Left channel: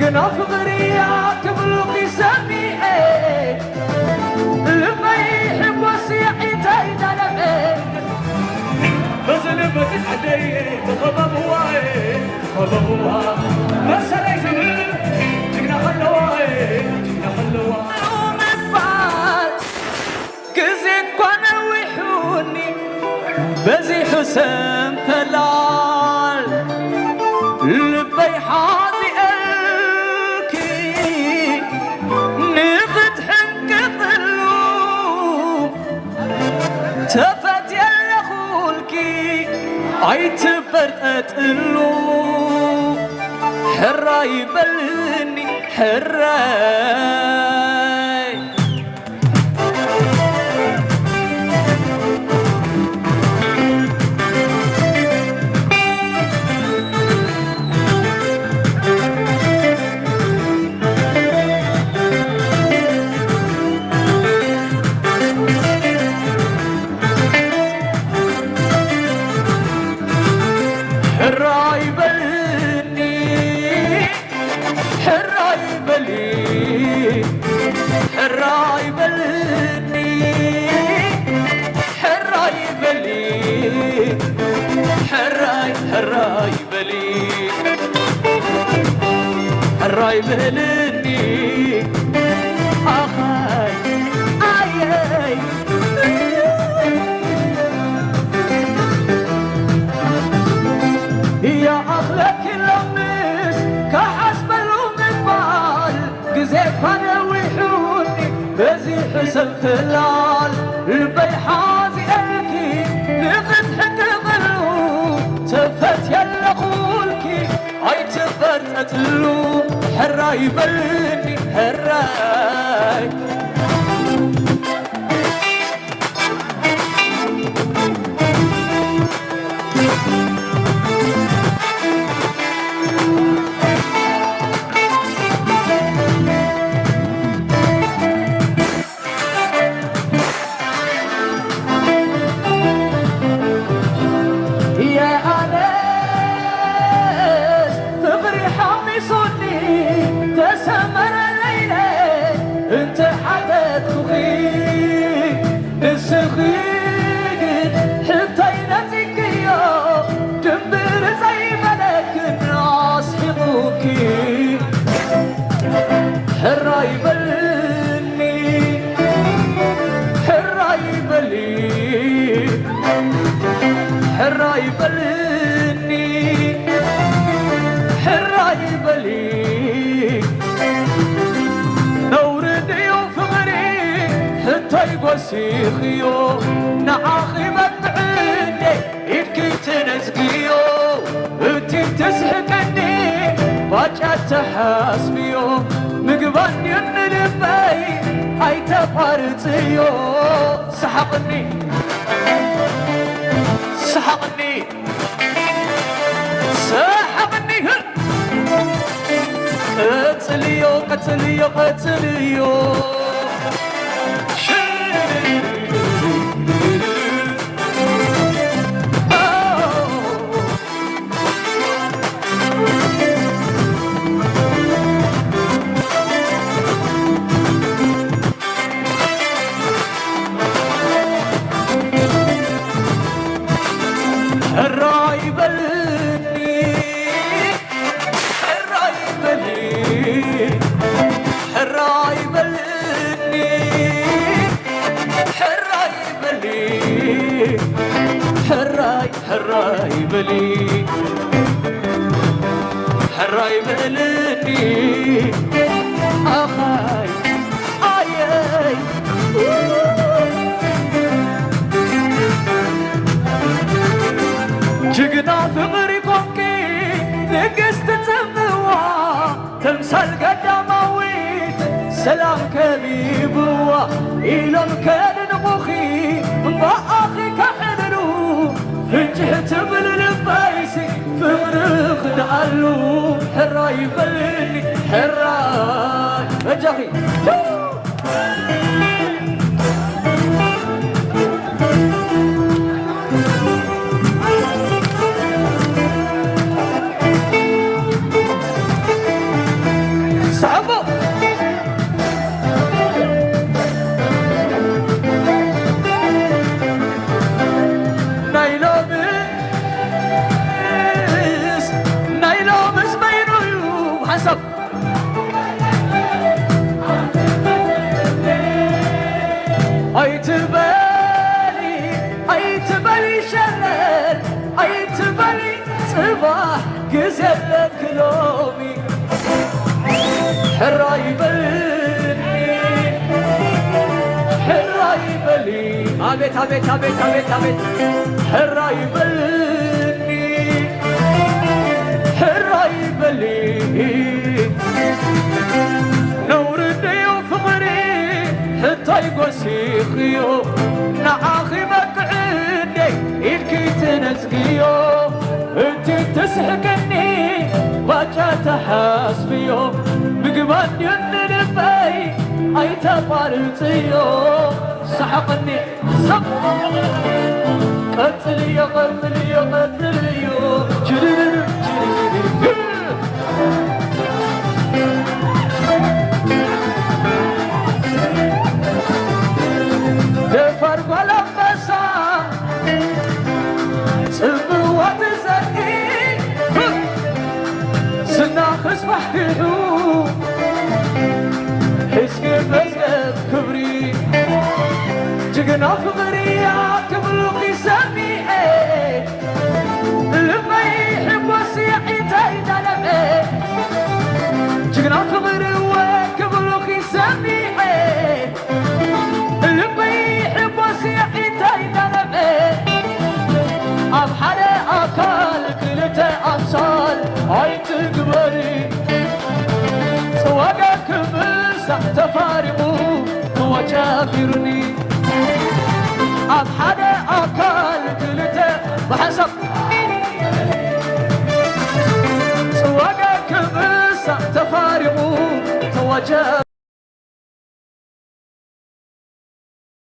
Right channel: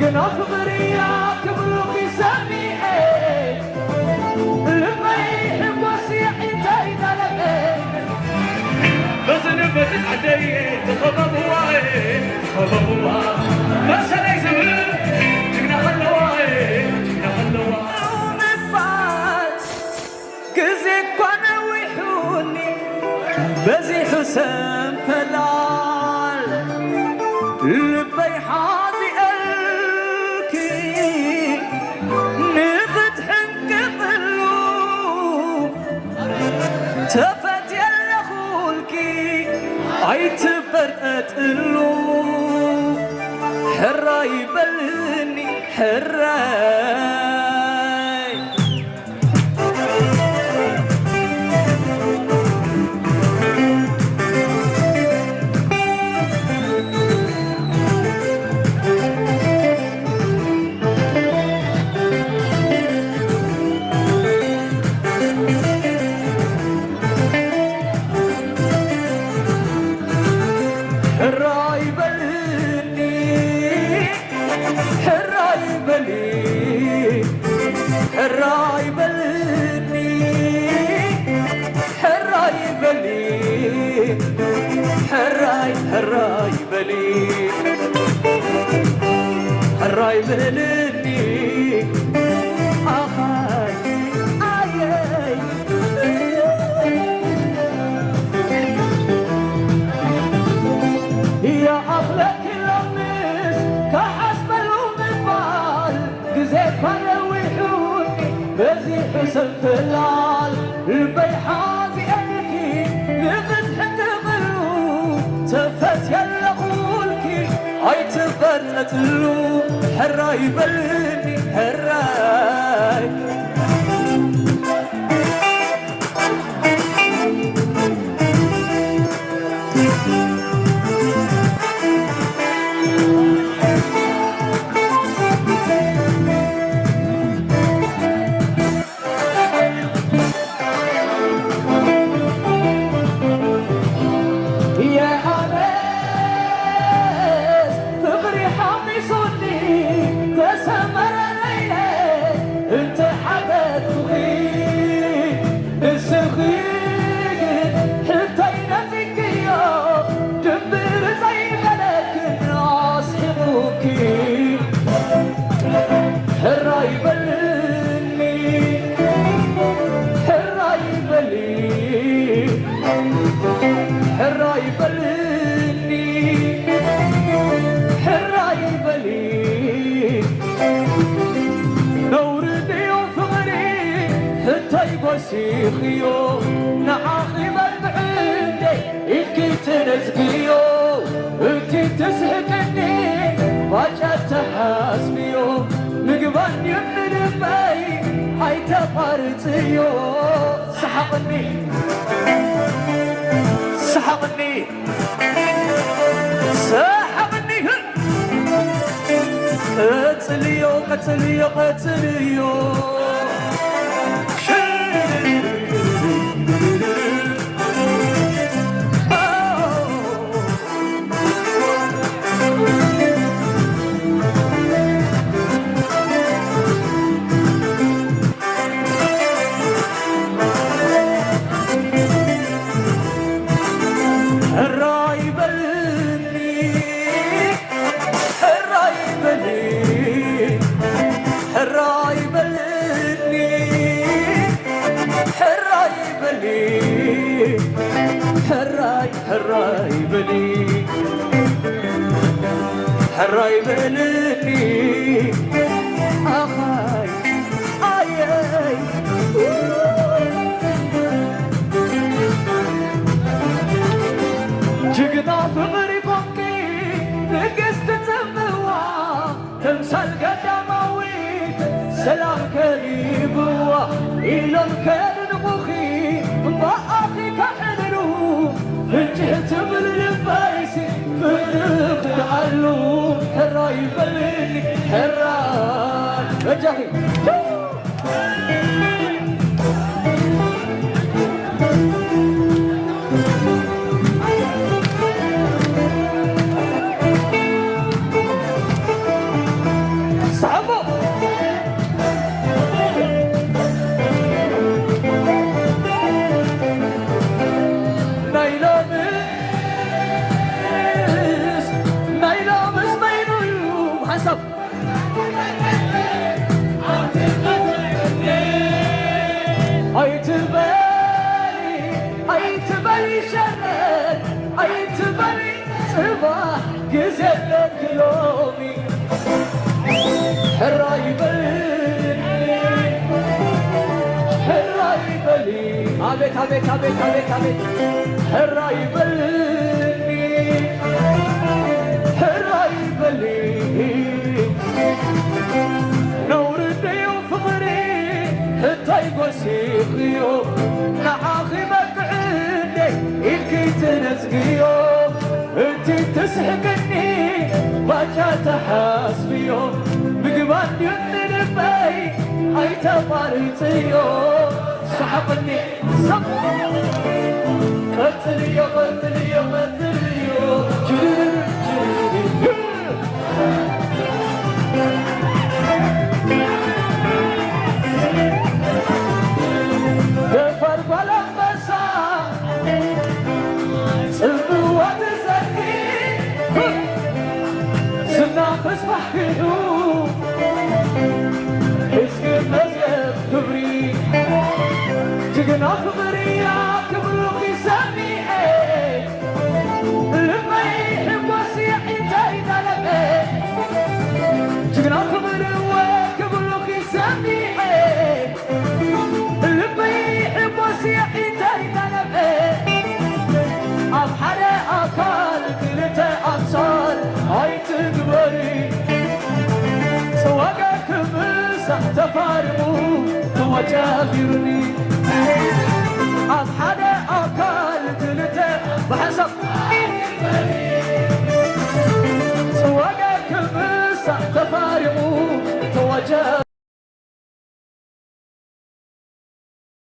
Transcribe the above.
جنا فغريا كبلوك سامي لما يحب وسيحي تايدانا بزن بزن عدي تخضب هواي تخضب هواي مسألة زمن جنا خلواي جنا خلواي كزيت كوانا وحوني بزي حسن ثلال لبي حاضي الكي نفت حنك ظلو تفت يلا خولكي عيتبرت اتقلو حراي بلني حراي الراي بلني آخاي آي يا أخلك اللمس كحسب المقبال قزيك وانا وحوني بزي حسن ثلال البيحازي أبكي لقد ظلو تفت يلا خولكي هاي تفرت أتلو حراي بلني حراي سيخيو نعاخي مدعيني يبكي تنزقيو انتي تسحقني باجات تحاسبيو مقباني من الباي هاي تفارتيو سحقني سحقني سحقني قتليو قتليو قتليو حراي بلي حراي بلي آخاي آي جقنا ثغري كوكي نقست تموا تمثال قدامويت سلام كليبوا إلى الكل نمخي ما أخي كحللو فنجهت من الفايسي فرخ العلو حراي بلني حراي وجهي صباح جزلك لومي حرة يبلني حرة يبلي عبيت عبيت عبيت عبيت عبيت حرة يبلني حرة يبلي نور الديو فمري حتى يقسيخيو نعاخي مقعدي يبكي تنسقيو انتي تسحقني باجا تحاسبيو بقبان يننبي اي تبارتيو سحقني سق قتلي قتلي قتلي جرير جرير دفر قلبسا صبوة زهي سنا تصبح كدو اسكي مزقب كبري جقنا فغري يا كبروكي سامي لما يحب وسيحي تايدا لبي جقنا فغري وكبروكي سامي لما يحب وسيحي تايدا لبي أبحر أكال كلتا أبصال هاي تقبري سواقك مسح تفارمو هو جابرني